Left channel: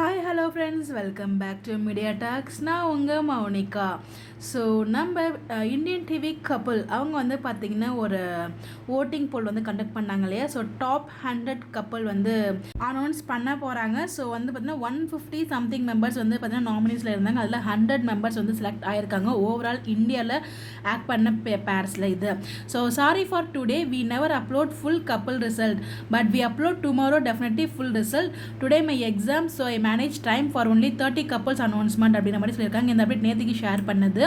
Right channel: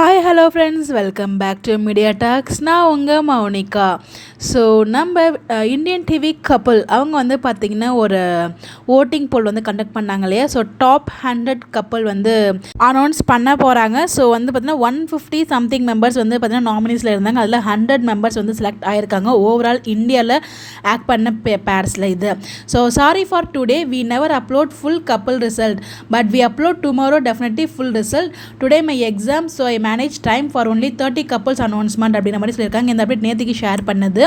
Hi hello friends, welcome back to media talks. நான் உங்கள் மௌனிகா. ஸோ நம்ம இந்தியன் டிவி கப்புள் அவங்க வந்து பார்த்திங்கன்னா ஒரு ஓட்டிங் போல் வந்து கண்டக்ட் பண்ணாங்க இல்லையா. ஸோ டாப் 100 கப்புள் வந்து அனௌன்ஸ் பண்ண போகிறாங்க. ஸோ வந்து பார்த்திங்கன்னா 150 சம்திங் மெம்பர்ஸ் வந்து பார்த்திங்கன்னா நாமினிஸில் இருந்தாங்க. அதில் 100 மெம்பர்ஸ் வந்து செலக்ட் ஆகியிருக்காங்க ஓவரால் இந்தியாவில் ஆக்ட் பண்ண பேர்ஸில் இது. So sorry for today, we never upload full couple result but we upload tomorrow definitely full result. Today my exam, so I manage time for only 30 couples announcement அப்படின்ற மாதிரி சொல்லியிருக்காங்க. இந்த update நேற்றுக்கு share பண்ணது.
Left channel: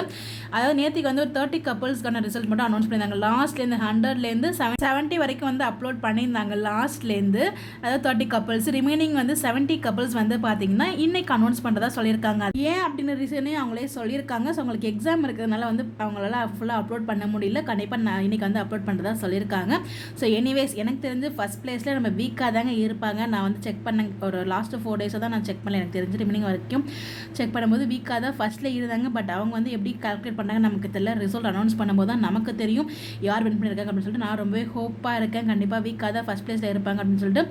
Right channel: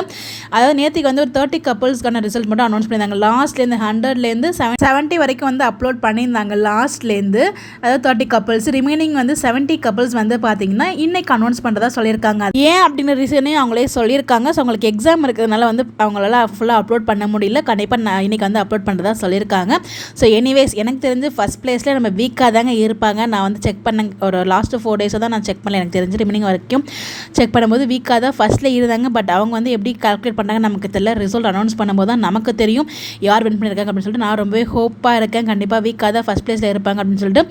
அதாவது நேற்றுக்கு வந்து ஒரு 30 கப்புள்ஸ்க்கான ரிசல்ட் மட்டும் அனௌன்ஸ் பண்ணியிருந்தாங்க. லாஸ்ட்லேருந்து 100லேருந்து 70 வரைக்கும் வந்து அப்லோட் பண்ணியிருந்தாங்க லாஸ்ட்லேருந்து. அதாவது 30 கப்புள்ஸ், ரிமைனிங் வந்து 70 கப்புள்ஸ் வந்து பார்த்தீங்கன்னா இன்னைக்கு அனௌன்ஸ் பண்ணுறதா சொல்லியிருக்காங்க. ஏன் அப்படின்ற ரீசனையும் அவங்களே சொல்லியிருக்காங்க. ஸோ அவங்களுக்கு எக்ஸாம் இருக்கிறதுனால வந்து அவங்களால ஃபுல்லாக அப்லோட் பண்ண முடியல. கண்டிப்பாக நான் இன்னைக்கு வந்து அப்லோட் பண்ணுறதா சொல்லியிருக்காங்க. ஸோ எனிவேஸ், எனக்கு தெரிஞ்சு ஃபஸ்ட் பிளேஸில் நம்ம வீக்காக தாங்க இருப்பாங்க. நான் வந்து செக் பண்ண ஒரு லாஸ்ட்டு 4 டேஸாக தான் நான் செக் பண்ணல. எனக்கு தெரிஞ்சு ரிமைனிங் வரைக்கும் செக் பண்ணும்போது வீக்காக தான் ஃபஸ்ட்டில் இருந்தாங்க. பட் அவங்க வந்து எப்படி கால்குலேட் பண்ணாங்க நமக்கு தெரியல. ரிசல்ட் அனௌன்ஸ் பண்ணும்போது தான் நமக்கு தெரியும் யார் வின் பண்ணியிருக்காங்க அப்படின்னு சொல்லிட்டு. நான் ரொம்பவே ஹோப்பாக இருக்கேன். கண்டிப்பாக வீக்காக தான் ஃபஸ்ட் பிளேஸில் இருப்பாங்க அப்படின்னு சொல்லிட்டு.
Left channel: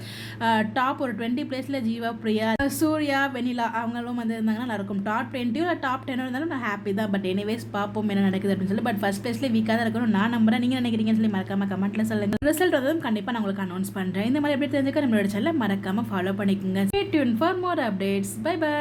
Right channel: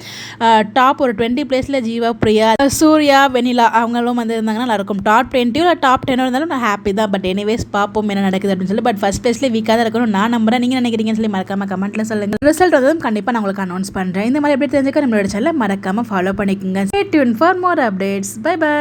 டாப் ஒரு 20 பிளேஸில் ஜீவா, பிரியா, சூர்யா, வெனிலா அவங்களும் வந்து இருந்தாங்கன்னா நல்லாயிருக்கும். டாப் 20 இல்லை டாப் 10 இருந்தாலும் நான் ஹாப்பி தான். பட் எனிவேஸ் பார்ப்போம் என்ன நடக்குது அப்படின்னு சொல்லி. பட் ஃபஸ்ட் பிளேஸ்லேயே வீக்காக தான் இருக்கணும் நான் நம்புறேன். நீங்கள் நினைக்கிறீங்கன்னு சொல்லி மறக்காம கமெண்ட்டில் சொல்லுங்கள். ரிசல்ட் வந்ததும் கண்டிப்பாக நான் உங்களுக்கு அனௌன்ஸ் பண்ணுறேன். இந்த மாதிரி எப்படி தெரிஞ்சுக்க நம்மளோட சேனலை மறக்காமல் ஃபாலோ பண்ணிக்கோங்க. Stay tune for more updates. Bye by.